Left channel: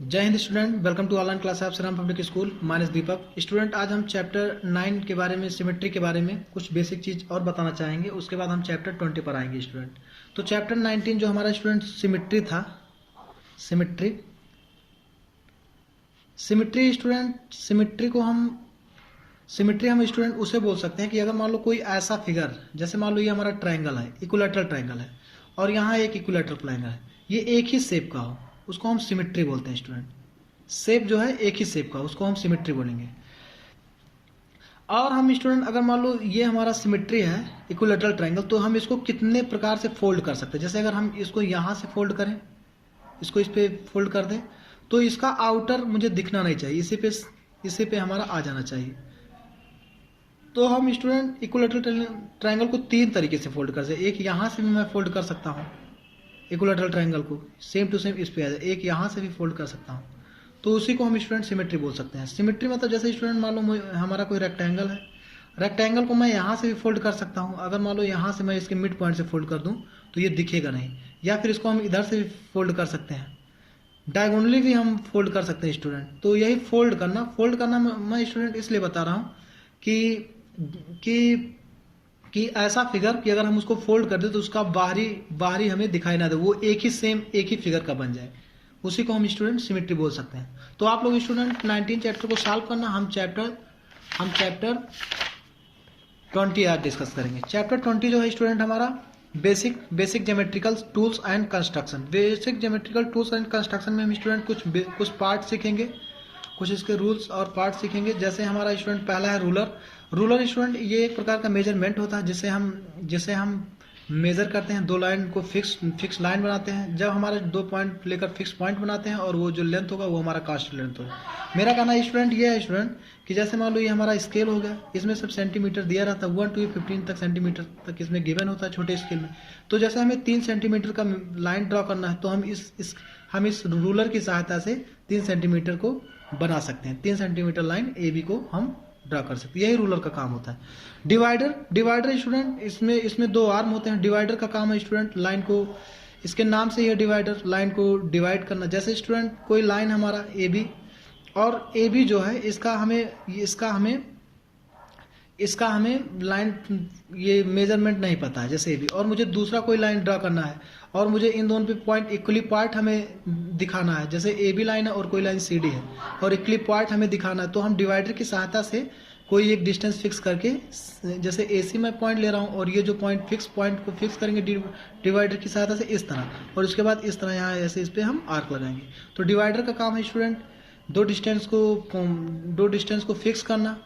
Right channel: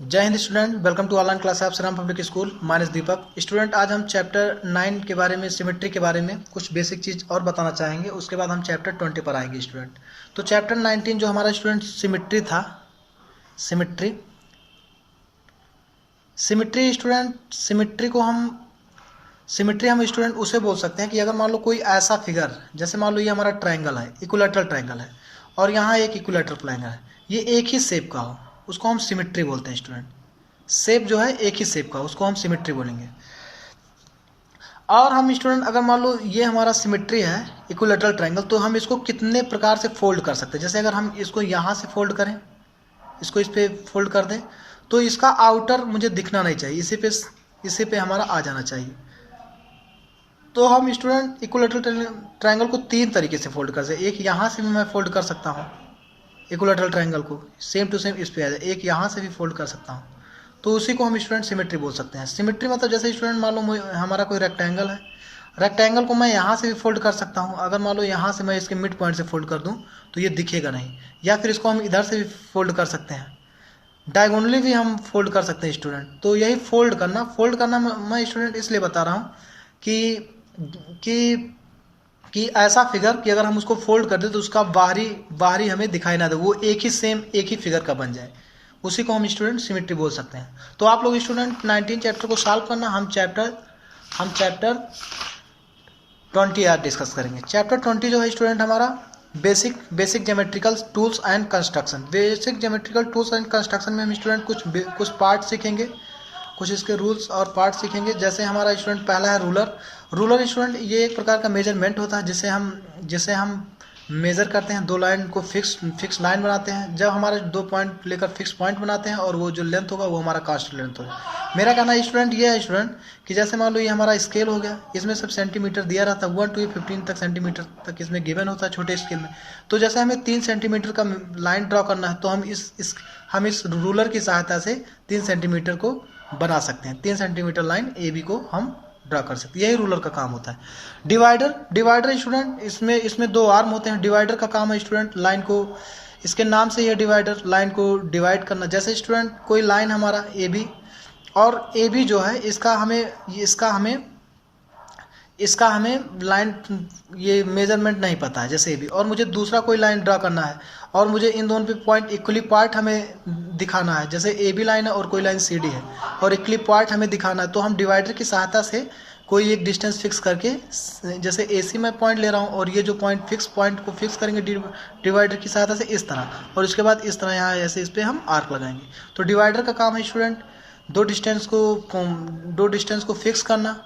जय हिंद student, welcome to online class of Shriram public school. Minus Deepak. Student, आज हम चैप्टर 9 के बारे में, सिमेट्री के बारे में कुछ बेसिक चीज़ और बताना चाहेंगे। उसके बाद हम चैप्टर 20 पर आएंगे स्टूडेंट। तो चैप्टर 19 जो हमारा स्टूडेंट सिमेट्री था, सिमेट्री स्टूडेंट, सिमेट्री हम स्टूडेंट उसे बोल सकते हैं कि अगर मान लो कोई ऐसा फिगर, जैसे मान लो ये हमारा ट्रायंगल है, इक्विलैटरल ट्रायंगल है, और यहाँ एक इक्विलैटरल ट्रायंगल है, ये एक ही शेप का हो, उसको हम सिमेट्री बोलते हैं स्टूडेंट। शेप जो है एक ही शेप का, उसको हम सिमेट्री बोलेंगे। और हम स्टूडेंट अगर मान लो ये हमारा सिमेट्री है, इक्विलैटरल ट्रायंगल, तो हम इसको कितने प्रकार से फोल्ड कर सकते हैं। जैसे अगर हम इसको यहाँ से फोल्ड करें, इसको इस पर फोल्ड कर दें, तो इसका आउटर मुझे दिखना नहीं चाहिए, इसी पे हमारा आ जाना चाहिए। तो हम स्टूडेंट इक्विलैटरल ट्रायंगल को 3 तरीके से फोल्ड कर सकते हैं। एक यहाँ से भी मैं फोल्ड कर सकता हूँ इक्विलैटरल ट्रायंगल को, सेम टू सेम इस पे आ जाए। एक यहाँ से भी फोल्ड कर सकता हूँ, तो उसी को हम स्टूडेंट सिमेट्री बोल सकते हैं। सिमेट्री मतलब जैसे स्टूडेंट मान लो हमारा कोई रेक्टेंगल है, रेक्टेंगल को मैं यहाँ से भी फोल्ड कर सकता हूँ। अगर मान लो यहाँ से मैं इसके मिड पॉइंट से फोल्ड कर दूँ तो ये दिखेगा नहीं, या फिर इसको हम इधर से भी फोल्ड कर सकते हैं, डायगोनली भी हम फोल्ड कर सकते हैं स्टूडेंट। तो यही फोल्ड करना मैं स्टूडेंट इसलिए बता रहा हूँ कि ऐसा फिगर कि अगर हम उसको फोल्ड कर दें तो उसका बाहरी हमें दिखाई ना दे, वो एक ही फिगर का बन जाए, उसी को हम स्टूडेंट सिमेट्री बोल सकते हैं। तो आप लोग स्टूडेंट 19 चैप्टर को सॉल्व करना। हम चैप्टर 20 आज डिस्कस करेंगे। चैप्टर 20 जो है स्टूडेंट हमारा basic geometrical tools and construction. Basic geometrical tools and construction में हम स्टूडेंट कुछ पार्ट सीखेंगे, कुछ इसके रूल्स और पार्ट सीखेंगे। जैसे हमारा स्टूडेंट पहला है रूलर स्टूडेंट, ये एक प्रकार का मेजरमेंट होता है जिसे हम मेज़र करते हैं। 2 लाइन को फिक्स लाइन बनाते हैं। जब हमारे 2 पॉइंट लेकर फिक्स पॉइंट बनाते हैं, और वो जो लेंथ होगा वो हमारा कांस्टेंट लेंथ होगा। मेरा कहना है स्टूडेंट ये है स्टूडेंट कि जैसे मान लो ये हमारा स्केल हो गया, इसमें सब सेंटीमीटर दिया रहता है, 1 to 15 तक सेंटीमीटर तक इसमें गिवन होता है छोटे स्केल में। तो जैसे हमें 3 सेंटीमीटर का लाइन ड्रॉ करना है, तो हम इस रूलर की सहायता से 3 सेंटीमीटर को बना सकते हैं। 3 सेंटीमीटर लाइन AB को हम ड्रा कर सकते हैं। यही रूलर का काम होता है। डिवाइडर स्टूडेंट, इसमें 2 आर्म होते हैं। डिवाइडर का काम है स्टूडेंट लाइन को, इसके नाम से ही है डिवाइडर, लाइन को डिवाइड करना। जैसे स्टूडेंट कोई लाइन हमारा AB, और AB जो है इसका हमें लाइन ये मेजरमेंट नहीं पता है, जैसे AB, और मुझे दूसरा कोई लाइन ड्रा करना है, और मुझे इन दोनों पे पॉइंट इक्वली पार्ट हमें दिखाना है। जैसे AB लाइन है और कोई लाइन CD है, और इक्वली पार्ट हमें दिखाना है। तो हम डिवाइडर की सहायता से कोई एक डिस्टेंस फिक्स करके, जैसे AC में पॉइंट ले रहा हूँ, और ये जो पॉइंट को फिक्स करेंगे डिवाइडर की सहायता से इस तरह, और उसके बाद इस तरह यहाँ ऐसे इस पर हम आर्क लगाएंगे। तो डिवाइडर का काम है स्टूडेंट दो डिस्टेंस को फिक्स करना।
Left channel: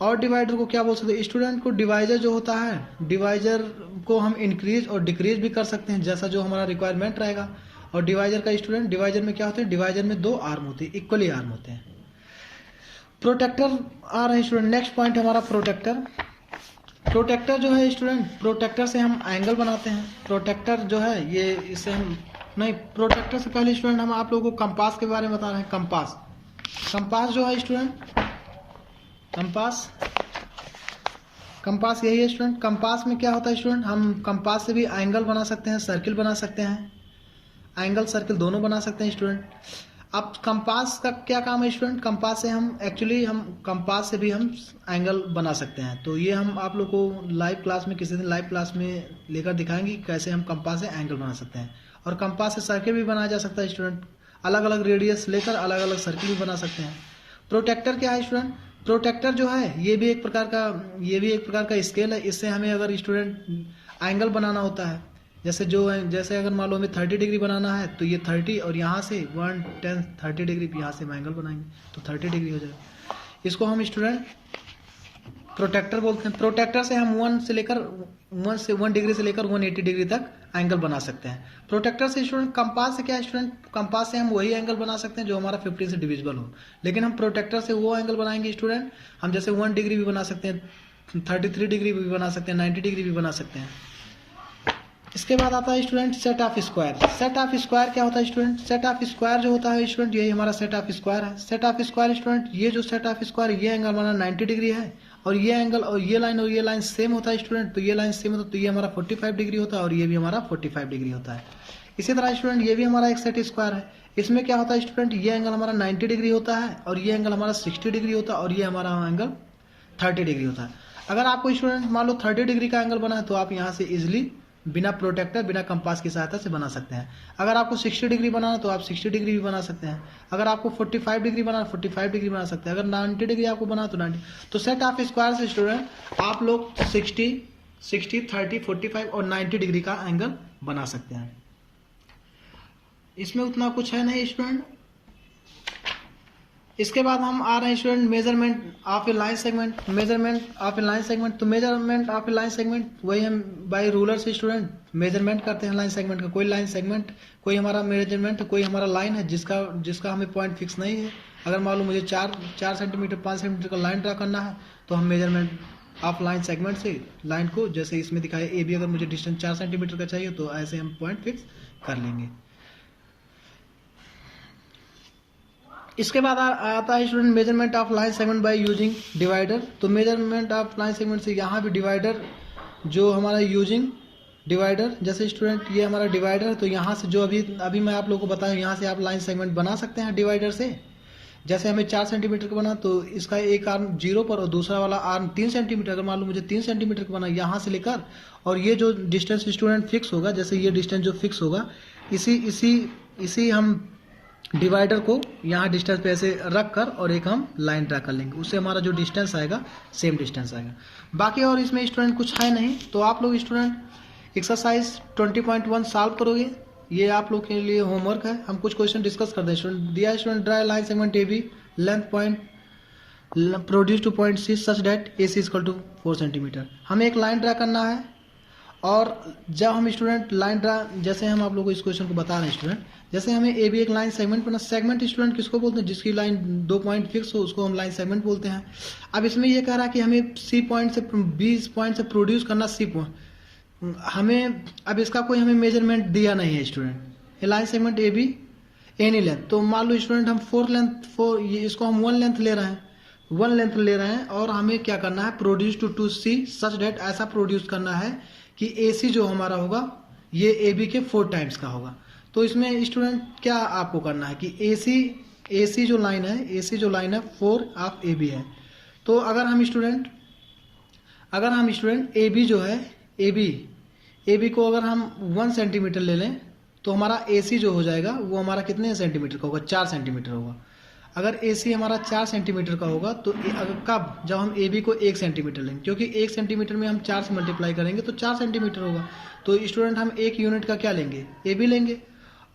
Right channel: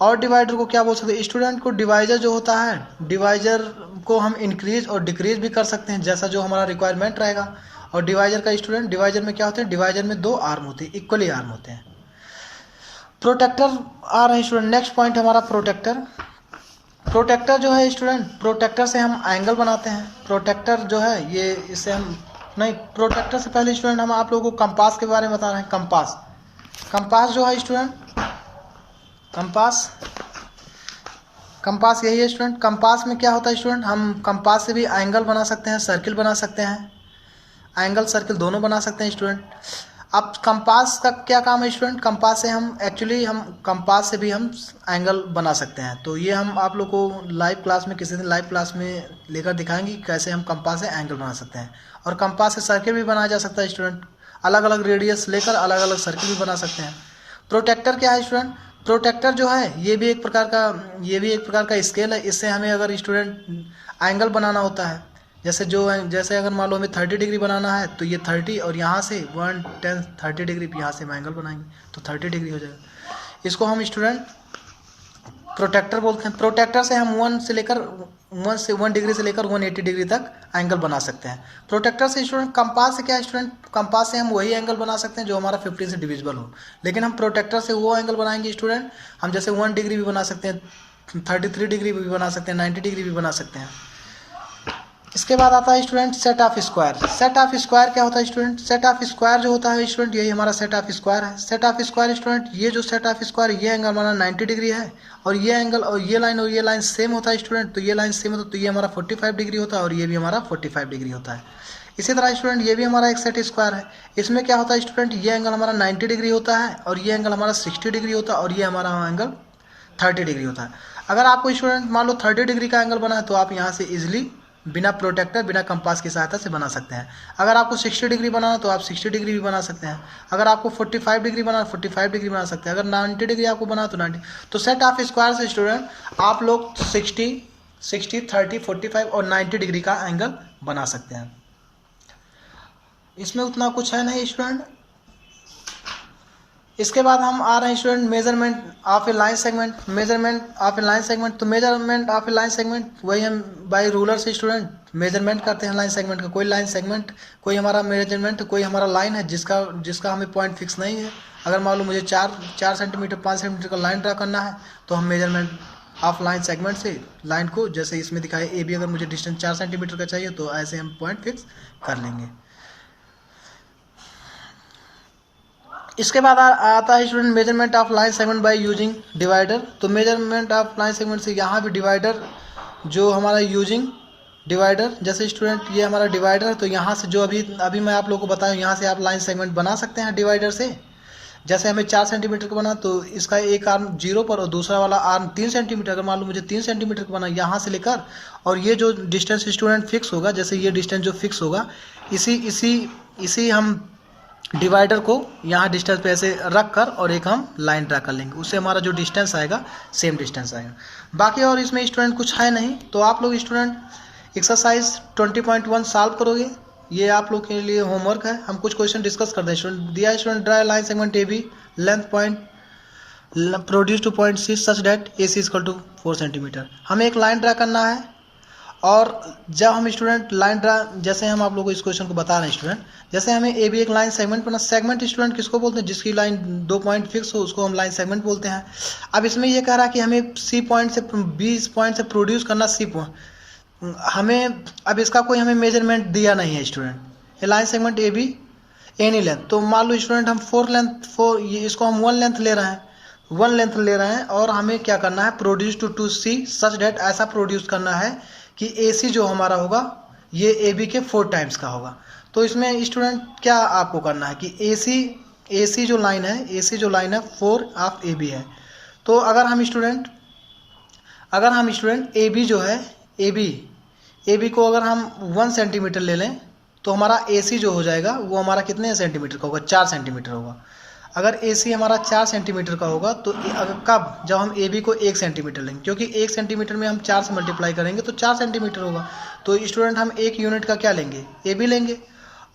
और डिवाइडर को क्या बोल सकते हैं स्टूडेंट को, डिवाइजर जो होता है, डिवाइजर को हम इंक्रीज और डिक्रीज भी कर सकते हैं, जैसा जो हमारा रिक्वायरमेंट रहेगा। और डिवाइजर का स्टूडेंट, डिवाइजर में क्या होते हैं, डिवाइजर में 2 आर्म होते हैं, इक्वली आर्म होते हैं। प्रोटेक्टर आ रहे हैं स्टूडेंट। नेक्स्ट पॉइंट हमारा प्रोटेक्टर जो है स्टूडेंट, प्रोटेक्टर से हम एंगल बनाते हैं। प्रोटेक्टर जो है ये, इससे हम नहीं, प्रोटेक्टर से पहले स्टूडेंट हम आप लोगों को कंपास के बारे में बता रहे हैं। कंपास जो है स्टूडेंट, कंपास यही है स्टूडेंट। कंपास में क्या होता है स्टूडेंट, हम कंपास से भी एंगल बना सकते हैं, सर्किल बना सकते हैं, एंगल सर्किल दोनों बना सकते हैं स्टूडेंट। अब कंपास का क्या काम है स्टूडेंट, कंपास से हम कंपास से भी हम एंगल बना सकते हैं। तो ये हम आप लोग को लाइव क्लास में, किसी दिन लाइव क्लास में लेकर दिखाएंगे कैसे हम कंपास से एंगल बना सकते हैं। और कंपास से सर्किल भी बनाया जा सकता है स्टूडेंट, अलग अलग रेडियस लेकर अलग अलग सर्किल भी बना सकते हैं। प्रोटेक्टर क्या है स्टूडेंट, प्रोटेक्टर जो है ये भी एक प्रकार का स्केल है। इससे हमें अगर स्टूडेंट एंगल बनाना होता है, जैसे अगर मान लो हमें 30 डिग्री बनाना है, तो ये 30, और यहाँ से 30 डिग्री यहाँ से हम एंगल बनाएंगे तो 30 डिग्री हो जाएगा। इसको हम स्टूडेंट प्रोटेक्टर बोलते हैं। प्रोटेक्टर से हम 1 डिग्री से लेकर 180 डिग्री तक एंगल बना सकते हैं। प्रोटेक्टर से स्टूडेंट, कंपास से क्या है स्टूडेंट, कंपास से हम वही एंगल बना सकते हैं जो हमारा 15 से डिविजिबल हो, लेकिन हम प्रोटेक्टर से वो एंगल बनाएंगे स्टूडेंट, हम जैसे 1 डिग्री भी बना सकते हैं, 33 डिग्री भी बना सकते हैं, 90 डिग्री भी बना सकते हैं। इसके बाद आता है student set of square. Set of square क्या होता है स्टूडेंट, सेट ऑफ स्क्वायर जो होता है स्टूडेंट, यही हमारा सेट ऑफ स्क्वायर है। सेट ऑफ स्क्वायर स्टूडेंट, ये जो सेट ऑफ स्क्वायर, ये एंगल हमारा 90 डिग्री है, और ये एंगल और ये लाइन सेम होता है स्टूडेंट। तो ये लाइन सेम होता है, तो ये हमारा 45 डिग्री होता है, और ये भी हमारा 45 डिग्री होता है। इसी तरह स्टूडेंट ये भी हमारा एक सेट स्क्वायर है। इसमें क्या होता है स्टूडेंट, ये एंगल हमारा 90 डिग्री होता है और ये एंगल हमारा 60 डिग्री होता है और ये हमारा एंगल 30 डिग्री होता है। अगर आपको स्टूडेंट मान लो 30 डिग्री का एंगल बना है तो आप यहाँ से इजिली बिना प्रोटेक्टर बिना कंपास की सहायता से बना सकते हैं। अगर आपको 60 डिग्री बनाना तो आप 60 डिग्री भी बना सकते हैं। अगर आपको 45 डिग्री बनाना 45 डिग्री बना सकते हैं। अगर 90 डिग्री आपको बना तो 90। तो सेट ऑफ स्क्वायर से स्टूडेंट आप लोग 60, 30, 45 और 90 डिग्री का एंगल बना सकते हैं। इसमें उतना कुछ है नहीं स्टूडेंट। इसके बाद हम आ रहे हैं student measurement of a line segment. Measurement of a line segment, तो measurement of a line segment वही हम बाय रूलर से स्टूडेंट मेजरमेंट करते हैं लाइन सेगमेंट का। कोई लाइन सेगमेंट, कोई हमारा मेजरमेंट, कोई हमारा लाइन है जिसका हमें पॉइंट फिक्स नहीं है। अगर मान लो मुझे 4 सेंटीमीटर 5 सेंटीमीटर का लाइन ड्रा करना है तो हम मेजरमेंट ऑफ लाइन सेगमेंट से लाइन को, जैसे इसमें दिखाया ए बी, अगर मुझे डिस्टेंस 4 सेंटीमीटर का चाहिए तो ऐसे हम पॉइंट फिक्स कर लेंगे। इसके बाद आता है student measurement of line segment by using divider. तो मेजरमेंट ऑफ लाइन सेगमेंट से यहाँ भी डिवाइडर जो हमारा यूजिंग डिवाइडर, जैसे स्टूडेंट ये हमारा डिवाइडर है तो यहाँ से जो अभी मैं आप लोगों को बताऊँ, यहाँ से आप लाइन सेगमेंट बना सकते हैं डिवाइडर से। जैसे हमें 4 सेंटीमीटर का बना तो इसका एक आर्म 0 पर और दूसरा वाला आर्म 3 सेंटीमीटर। अगर मान लो मुझे 3 सेंटीमीटर का बना यहाँ से लेकर, और ये जो डिस्टेंस स्टूडेंट फिक्स होगा, जैसे ये डिस्टेंस जो फिक्स होगा, इसी हम डिवाइडर को यहाँ डिस्टेंस पे ऐसे रख कर और एक हम लाइन ड्रा कर लेंगे। उससे हमारा जो डिस्टेंस आएगा सेम डिस्टेंस आएगा। बाकी और इसमें स्टूडेंट कुछ है नहीं। तो आप लोग स्टूडेंट एक्सरसाइज 20.1 सॉल्व करोगे। ये आप लोग के लिए होमवर्क है। हम कुछ क्वेश्चन डिस्कस कर दें। स्टूडेंट दिया है student, draw line segment A B, length point produce to point C such that A C equal to 4 centimetre. हमें एक लाइन ड्रा करना है। और जब हम स्टूडेंट लाइन ड्रा, जैसे हम आप लोगों को इस क्वेश्चन को बता रहे हैं स्टूडेंट, जैसे हमें ए बी एक लाइन सेगमेंट बना। सेगमेंट स्टूडेंट किसको बोलते हैं, जिसकी लाइन 2 पॉइंट फिक्स हो उसको हम लाइन सेगमेंट बोलते हैं। अब इसमें ये कह रहा है कि हमें सी पॉइंट से बी पॉइंट से प्रोड्यूस करना सी पॉइंट। हमें अब इसका कोई हमें मेजरमेंट दिया नहीं है स्टूडेंट। ये line segment A be any length, तो मान लो स्टूडेंट हम 4 इसको हम 1 लेंथ ले रहे हैं और हमें क्या करना है, produce to C such that, ऐसा प्रोड्यूस करना है कि ए सी जो हमारा होगा ये ए बी के 4 टाइम्स का होगा। तो इसमें स्टूडेंट क्या आपको करना है कि ए सी जो लाइन है 4 ऑफ ए बी है। तो अगर हम स्टूडेंट ए बी जो है ए बी को अगर हम 1 सेंटीमीटर ले लें तो हमारा ए सी जो हो जाएगा वो हमारा कितने सेंटीमीटर का होगा, 4 सेंटीमीटर होगा। अगर ए सी हमारा 4 सेंटीमीटर का होगा तो कब, जब हम ए बी को 1 सेंटीमीटर लेंगे, क्योंकि 1 सेंटीमीटर में हम 4 से मल्टीप्लाई करेंगे तो 4 सेंटीमीटर होगा। तो स्टूडेंट हम 1 यूनिट का क्या लेंगे, ए बी लेंगे।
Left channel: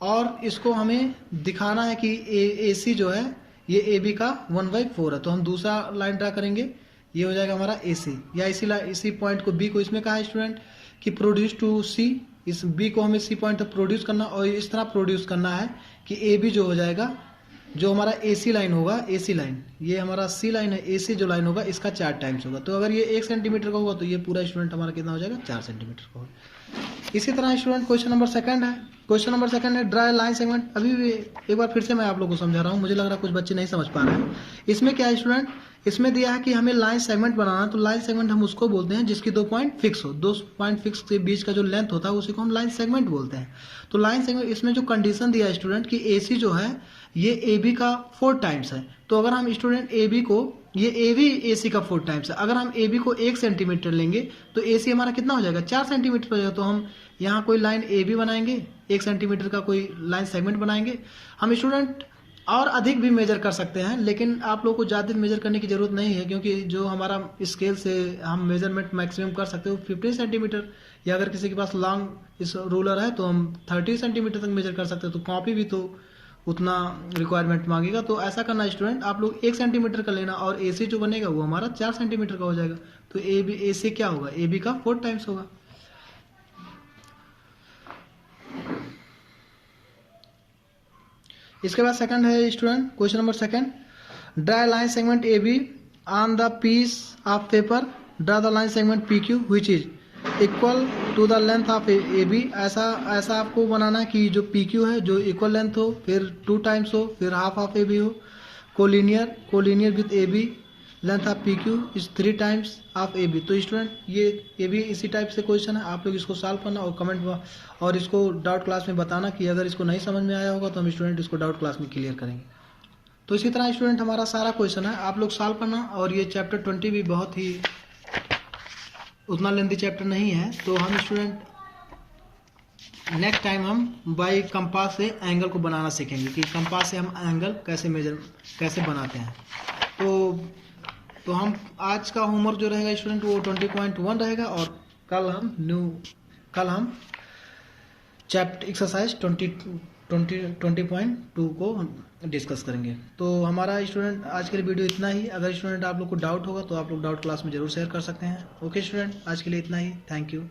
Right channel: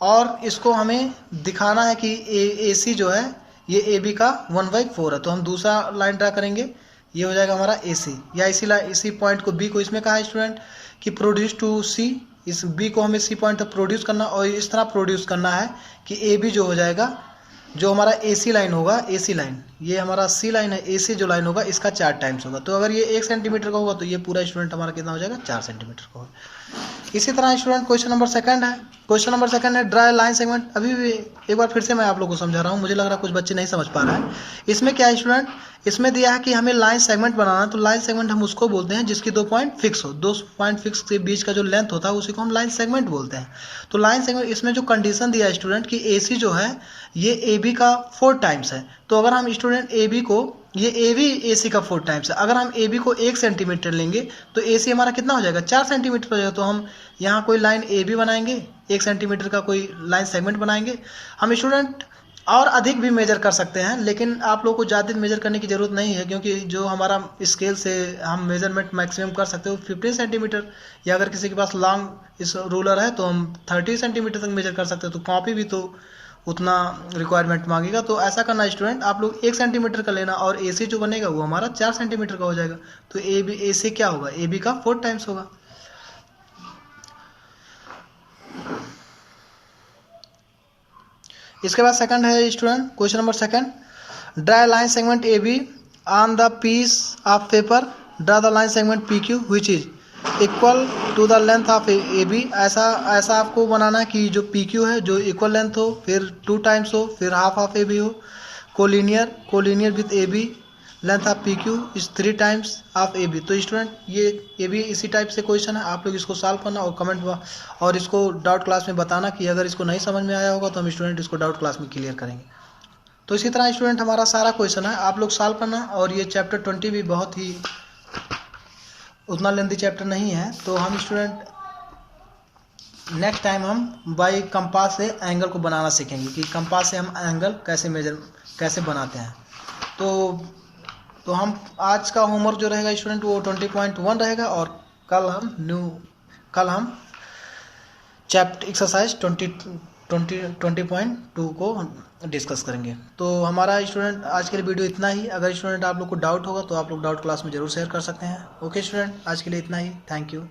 और इसको हमें दिखाना है कि ए सी जो है ये ए बी का 1/4 है। तो हम दूसरा लाइन ड्रा करेंगे, ये हो जाएगा हमारा ए सी। या इसी पॉइंट को बी को इसमें कहा है स्टूडेंट कि प्रोड्यूस टू सी, इस बी को हमें सी पॉइंट तक प्रोड्यूस करना और इस तरह प्रोड्यूस करना है कि ए बी जो हो जाएगा, जो हमारा ए सी लाइन होगा, ए सी लाइन ये हमारा सी लाइन है, ए सी जो लाइन होगा इसका 4 टाइम्स होगा। तो अगर ये 1 सेंटीमीटर का होगा तो ये पूरा स्टूडेंट हमारा कितना हो जाएगा, 4 सेंटीमीटर का होगा। इसी तरह स्टूडेंट क्वेश्चन नंबर सेकंड है ड्रा लाइन सेगमेंट। अभी भी एक बार फिर से मैं आप लोगों को समझा रहा हूँ, मुझे लग रहा है कुछ बच्चे नहीं समझ पा रहे हैं। इसमें क्या है स्टूडेंट, इसमें दिया है कि हमें लाइन सेगमेंट बनाना। तो लाइन सेगमेंट हम उसको बोलते हैं जिसकी 2 पॉइंट फिक्स हो। 2 पॉइंट फिक्स के बीच का जो लेंथ होता है उसी को हम लाइन सेगमेंट बोलते हैं। तो लाइन सेगमेंट, इसमें जो कंडीशन दिया है स्टूडेंट कि ए सी जो है ये ए बी का 4 टाइम्स है। तो अगर हम स्टूडेंट ए बी को, ये ए बी ए सी का 4 टाइम्स है, अगर हम ए बी को 1 सेंटीमीटर लेंगे तो ए सी हमारा कितना हो जाएगा, 4 सेंटीमीटर हो जाएगा। तो हम यहाँ कोई लाइन ए बी बनाएंगे, 1 सेंटीमीटर का कोई लाइन सेगमेंट बनाएंगे। हम स्टूडेंट और अधिक भी मेजर कर सकते हैं, लेकिन आप लोगों को ज़्यादा मेजर करने की ज़रूरत नहीं है, क्योंकि जो हमारा स्केल से हम मेजरमेंट मैक्सिमम कर सकते हो 15 सेंटीमीटर, या अगर किसी के पास लॉन्ग इस रूलर है तो हम 30 सेंटीमीटर तक मेजर कर सकते हैं। तो कॉपी भी तो उतना रिक्वायरमेंट मांगेगा। तो ऐसा करना स्टूडेंट, आप लोग 1 सेंटीमीटर का लेना और ए सी जो बनेगा वो हमारा 4 सेंटीमीटर का हो जाएगा। तो ए सी क्या होगा, ए बी का 4 टाइम्स होगा। इसके बाद सेकंड है student question number second, draw line segment A B on the piece of paper, draw the line segment P Q which is equal to the length of A B. ऐसा आपको बनाना है कि जो P Q है जो equal length हो, फिर 2 times हो, फिर हाफ ऑफ ए बी हो, collinear with A B, length of P Q is 3 times of A B. तो स्टूडेंट ये भी इसी टाइप से क्वेश्चन है, आप लोग इसको सॉल्व करना और कमेंट और इसको डाउट क्लास में बताना कि अगर इसको नहीं समझ में आया होगा तो हम स्टूडेंट इसको डाउट क्लास में क्लियर करेंगे। तो इसी तरह स्टूडेंट हमारा सारा क्वेश्चन है, आप लोग सॉल्व करना। और ये चैप्टर 20 भी बहुत ही उतना लेंथी चैप्टर नहीं है। तो हम स्टूडेंट नेक्स्ट टाइम हम बाई कंपास से एंगल को बनाना सीखेंगे कि कंपास से हम एंगल कैसे बनाते हैं। तो हम आज का होमवर्क जो रहेगा स्टूडेंट वो 20.1 रहेगा और कल हम चैप्टर एक्सरसाइज 20.2 को डिस्कस करेंगे। तो हमारा स्टूडेंट आज के लिए वीडियो इतना ही। अगर स्टूडेंट आप लोग को डाउट होगा तो आप लोग डाउट क्लास में जरूर शेयर कर सकते हैं। ओके स्टूडेंट, आज के लिए इतना ही। Thank you.